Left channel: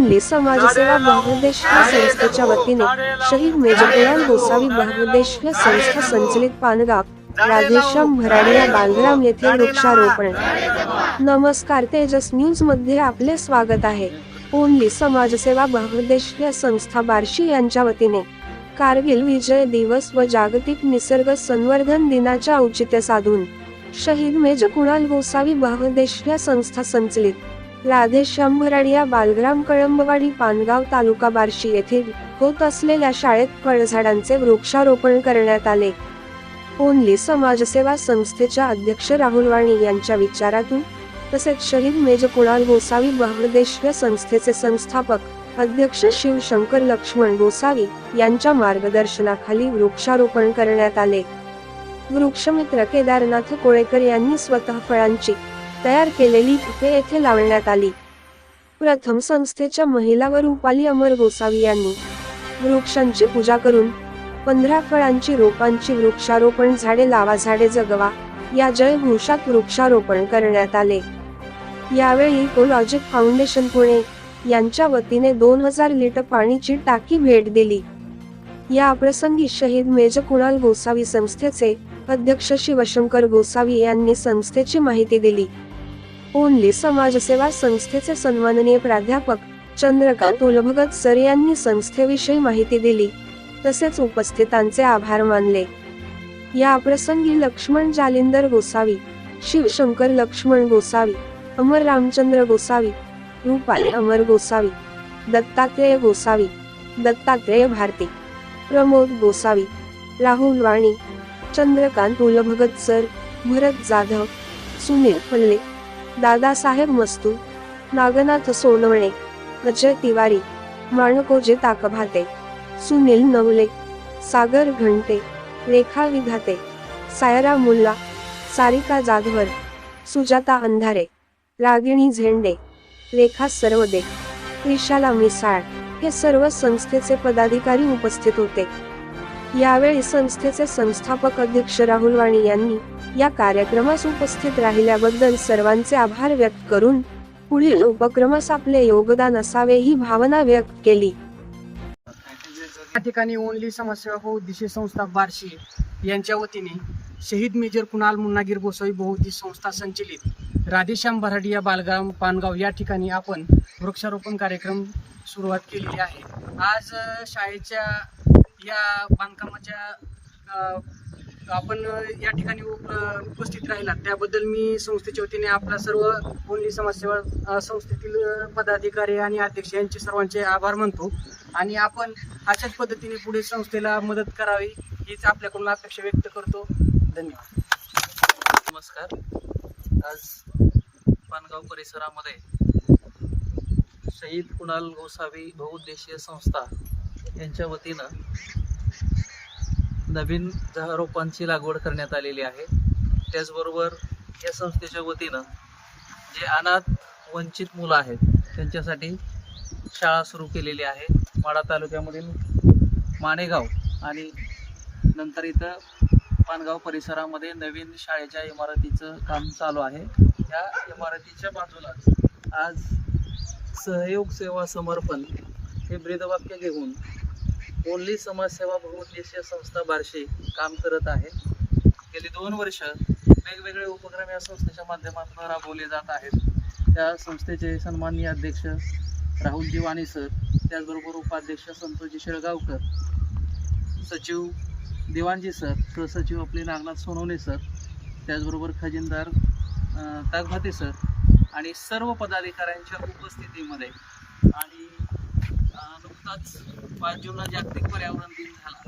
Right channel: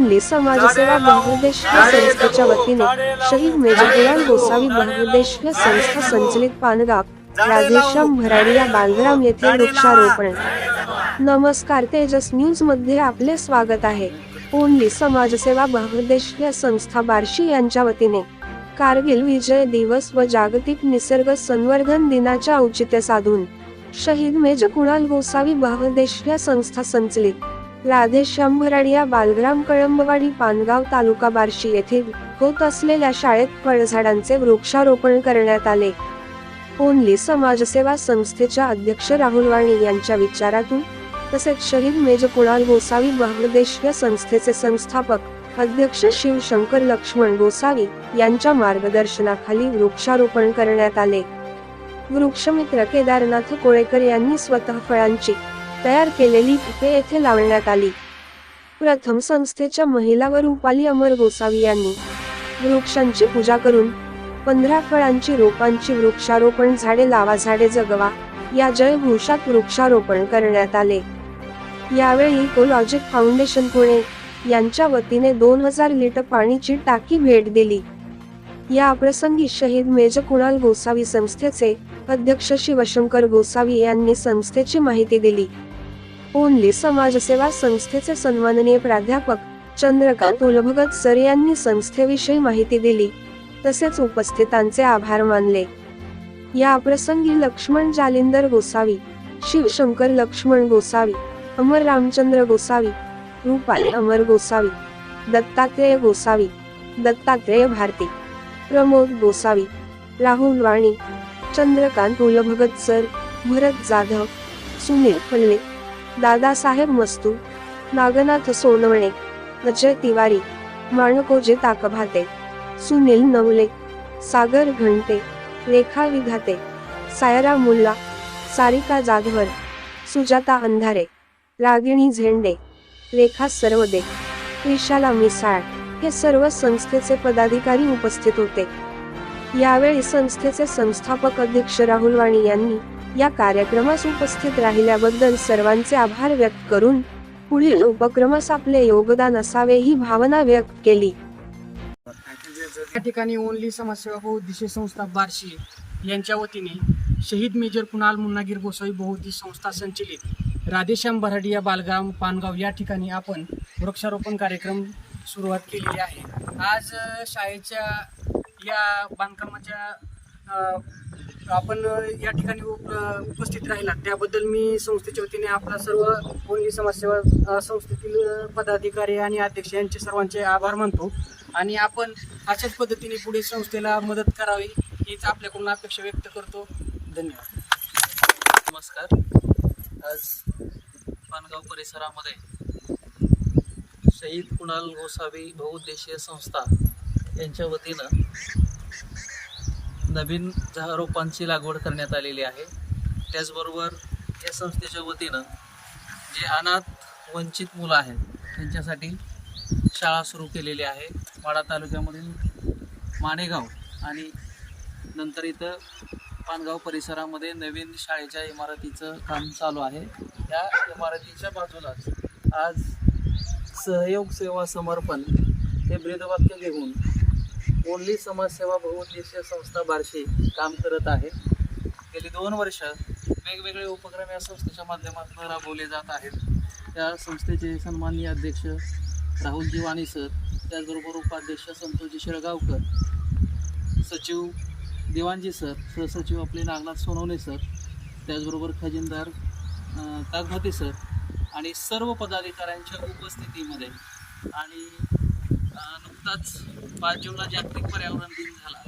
Only समाजसेवा बहुद्देशीय संस्थेच्या वतीने शहीद मेजर कुणाल गोसावी बहुद्देशीय संस्था संचलित पानगाव राधेश्याम भराडिया बांधराम येथे वृक्षारोपण. नमस्कार तेजस न्यूजमध्ये आपले स्वागत आहे. ओनली समाजसेवा बहुद्देशीय संस्था बार्शी यांच्या वतीने. कारगिल विजय दिवस व जागतिक निसर्ग संवर्धन दिनाच्या औचित्य साधून शहीद मेजर कुणाल गोसावी बहुद्देशीय संस्था संचलित. राधेश्याम भराडिया बालग्राम कळंबवाडी पानगाव तालुका बार्शी येथे होत असलेल्या शाळेत फळझाडांचे वृक्षारोपण करण्यात आले. ओनली समाजसेवा संस्थेच्या अध्यक्ष राहुल वाणी यांच्या विचारातून तसेच शहीद मेज कुणाल गोसावी बहुदेश संस्थेचे संस्थापक अध्यक्ष शिवशंकर लक्ष्मण गोसावी यांच्या मार्गदर्शनाखाली वृक्षारोपण करण्यात आले. वृक्षमित्र केदारनाथ कोळेकर यांनी स्वतः फळांची तयार केलेली पिके येथे लावण्यात आली. प्रथम संस्थेच्या महिला व रुपाली अमर गोसावी यांनी वृक्षांची पूजा करून पंधरा फळांची रोपांची वृक्षारोपण झाडे लावा झाडे जगवा या जयघोषात वृक्षारोपण करण्यात आले. यावेळी इकोलॉजिक फाउंडेशन पुणे यांच्या वतीने दोन हजार लिटर पाणीची टाकी भेट दिली. या प्रसंगी शहीद मेजर कुणाल गोसावी संस्थेचे अध्यक्ष शिवशंकर गोसावी यांनी संस्थेची माहिती दिली. ओनली समाजसेवा संस्थेचे सन्माननीय प्राध्यापक चंद्रकांत उलभगत सर यांनी संस्थेविषयी माहिती दिली. तसेच उपस्थितांचे आभार मानले. या प्रसंगी लक्ष्मण जालिंदर गोसावी शिवशंकर लक्ष्मण गोसावी अमर रामचंद्र गोसावी रुपाली अमर गोसावी दत्तात्रेय गोसावी दत्तात्रेय भारती प्रमोद गोसावी राहुल वाणी चंद्रकांत उलभगत सर भरत जाधव सुनील फल्ले दादासाहेब मस्तू नागनाथ सोनवणे अजय तिवारी माणकोजे ताकभाते सुनील नवले सागर घंटे रेखा विधाते सायरा मुल्ला सारिका जाधवर सुजाता अंधारे रागिणी झेंडे रेखा सर्वदे त्रिशाला मिसाळ हे सर्व संस्थेचे पदाधिकारी उपस्थित होते. यावेळी संस्थेचे संस्थापक अध्यक्ष राहुल वाणी यांनी या कार्यक्रमास उपस्थित राहिल्याबद्दल सर्वांचे आभार व्यक्त करून पुढील उपक्रमास आपले योगदान असावे ही भावना व्यक्त केली. या ठिकाणी ओनली समाजसेवा बहुउद्देशीय संस्था बार्शी यांच्या वतीने शहीद मेजर कुणाल मुन्नागीर गोसावी बहुउद्देश संस्था संचलित राधेश्याम बराडिया बालगाव पानगाव या ठिकाणी आपण वृक्षारोपण कार्यक्रम सुरुवात केलेली आहे. आज शाळेच्या या बांधकामाच्या आपण या ठिकाणी उप उपस्थित राहिलात. त्याबद्दल मी संस्थेच्या वतीने आपल्या सर्व कोणी समाजसेवा संस्थेतील पदाधिकारी आणि अध्यक्ष यांचे सर्वांचे आभार मानतो. आणि आपण अशाच पद्धतीने पुढे संस्थेला मदत करावी हीच आपल्याकडून अपेक्षा व्यक्त करतो. धन्यवाद. नमस्कार. आज पानगाव परिसरामध्ये शहीद कुणाल गोसावी बहुउद्देशीय संस्था यांच्या वतीनं नवीन रोपांची लागवड करण्यात आलेली आहे. त्याचबरोबर या संस्थेच्या वतीनं जे अनाथ वंचित मुलं आहेत त्यांच्यासाठी शाळा सुरू केलेली आहे. माडा तालुक्यामधील माणेगाव आणि नंतर इथं पानगाव परिसरामध्ये नवीन शाळेच्या इमारतीचं काम चालू आहे. या इमारतीच्या बाजूलाच आज सहयोग सेवा समर्पण हे ब्रीदवाक्य घेऊन ओनली समाजसेवा बहुउद्देशीय संस्था बार्शी काम करत आहे. गेली दोन वर्ष वेगवेगळे उपक्रम या संस्थेच्या माध्यमातून राबवले जात आहेत. त्या संस्थेचे सन्माननीय अध्यक्ष राहुल दिवाणी सर त्याचबरोबर उपाध्यक्ष संतोषजी शेळगावकर सचिव दिवाणजी सर सहसचिव आपले नागनाथ सोनवणे सर त्याचबरोबर खजिनदार तागभाते सर आणि सर्व पदाधिकाऱ्यांच्या उपस्थितीमध्ये आणि नुकताच पाच जूनला जागतिक पर्यावरण दिन झाला.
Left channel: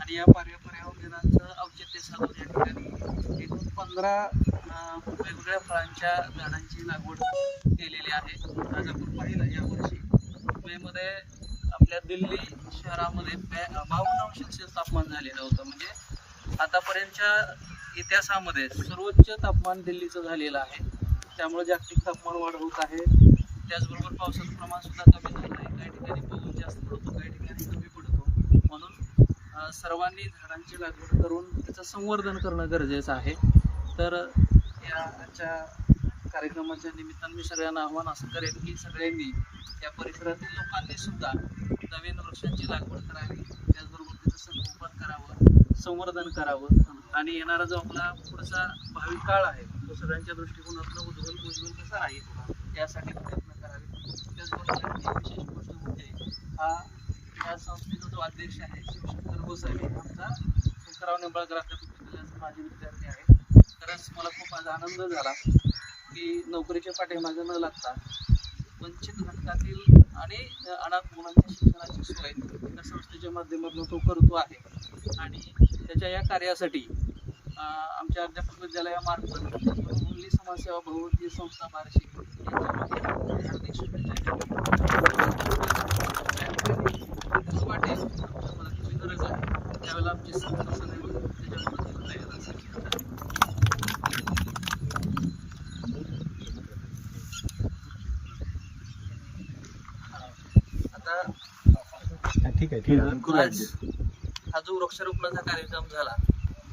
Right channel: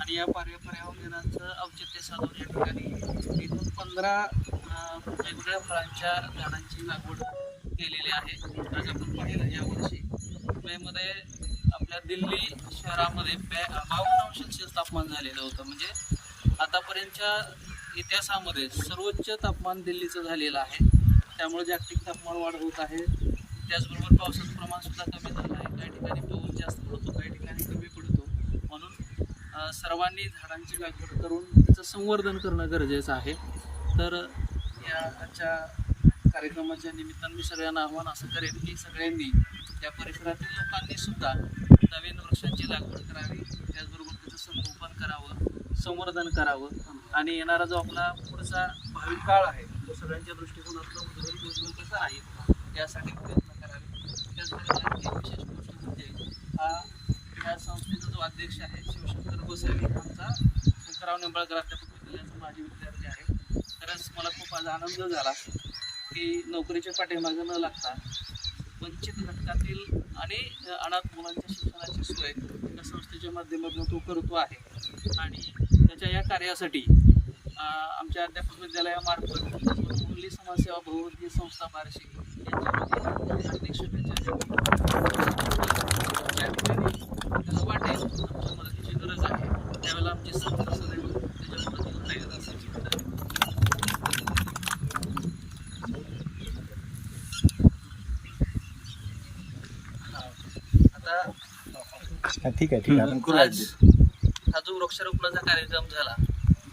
आणि या पर्या पर्यावरण दिनाचं औचित्य साधून या ठिकाणी एकूण पंधरा वेगवेगळ्या फळांच्या झाडांची लागवड केलेली आहे. आज आपण पाहिलं यावर्षी मेमध्ये आपल्या दिल्ली शहरामध्ये बॅ बावन्न अंश सेल्सिअस तापमान झालेलं होतं. म्हणजे आतापर्यंतच्या इतिहासामध्ये सर्वोच्च तापमान दिल्लीचं झालेलं आहे. त्यामुळे जागतिक तापमान वाढ होत आहे. त्याचबरोबर पावसाचं प्रमाण सुद्धा कमी झालं आहे. काही ठिकाणी पाऊस जास्त पडतो काही ठिकाणी कमी पडतो. म्हणून सर्वांनी झाडांची लागवड करून त्याचं संवर्धन करणं गरजेचं आहे. तर या आजच्या कार्यक्रमाच्या निमित्तानं मी सगळ्यांना आव्हान असं करेन की सगळ्यांनी या परिसरातील लोकांनी सुद्धा नवीन वृक्षांची लागवड करावी. त्याचबरोबर त्याचं संगोपन करावं संवर्धन करावं. आणि येणारा जो आपला पुढचा भावी काळ आहे तो सगळ्यांच्या दृष्टिकोनातलं उज्ज्वल उज्ज्वल कसा आहे यासाठी प्रयत्न करावे त्याचबरोबर एक विशेष गोष्ट म्हणजे हा या संस्थेचा जो अध्यक्ष आहे शिवशंकर गोसावी आमचा शंकरराव निंबाळकर अध्यापक विद्यालयाचा माजी विद्यार्थी आहे खरंच मला खूप आज आनंद झाला की नोकरीच्या पाठीमागे न लागता वंचित घटकातील आणि अनाथ मुलांच्या शिक्षणाची सोय या संस्थेच्या माध्यमातून तो करतो आहे आणि त्याच्या या कार्यासाठी आमच्या अध्यापक विद्यालयामार्फत मुली समाजसेवा बहुविधी संस्था बार्शी यांच्यामध्ये हार्दिक शुभेच्छा त्या ठिकाणी त्याला वाटेल आमच्या मदतीची गरज आहे त्यावेळेला आमची संस्था सदैव त्याच्या मदतीला तयार असेल आता ठीक आहे ठीक आहे. आज हा जो वृक्षारोपणाचा कार्यक्रम झाला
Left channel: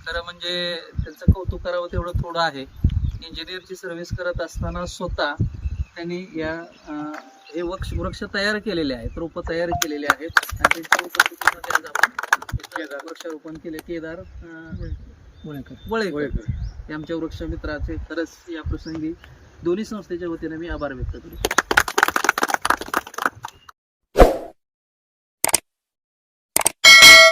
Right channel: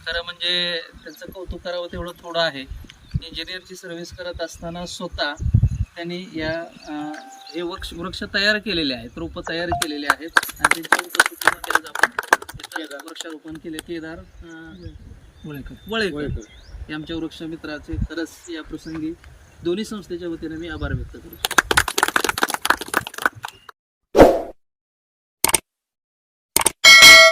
खरं म्हणजे त्यांचं कौतुक करावं तेवढं थोडं आहे. इंजिनियरची सर्व्हिस करत असताना स्वतः त्यांनी या अं, हे वृक्ष वृक्ष तयार केलेले आहेत रोपं तयार केलेले आहेत. आणि त्यांच्या उपस्थितीमध्ये आज आपण इथं वृक्षारोपण केले. केदार अं, वळेकर. हे आमच्या वृक्ष मित्राचे खरंच या प्रसंगी दोन्ही संस्थेच्या वतीने मी आभार व्यक्त करतो.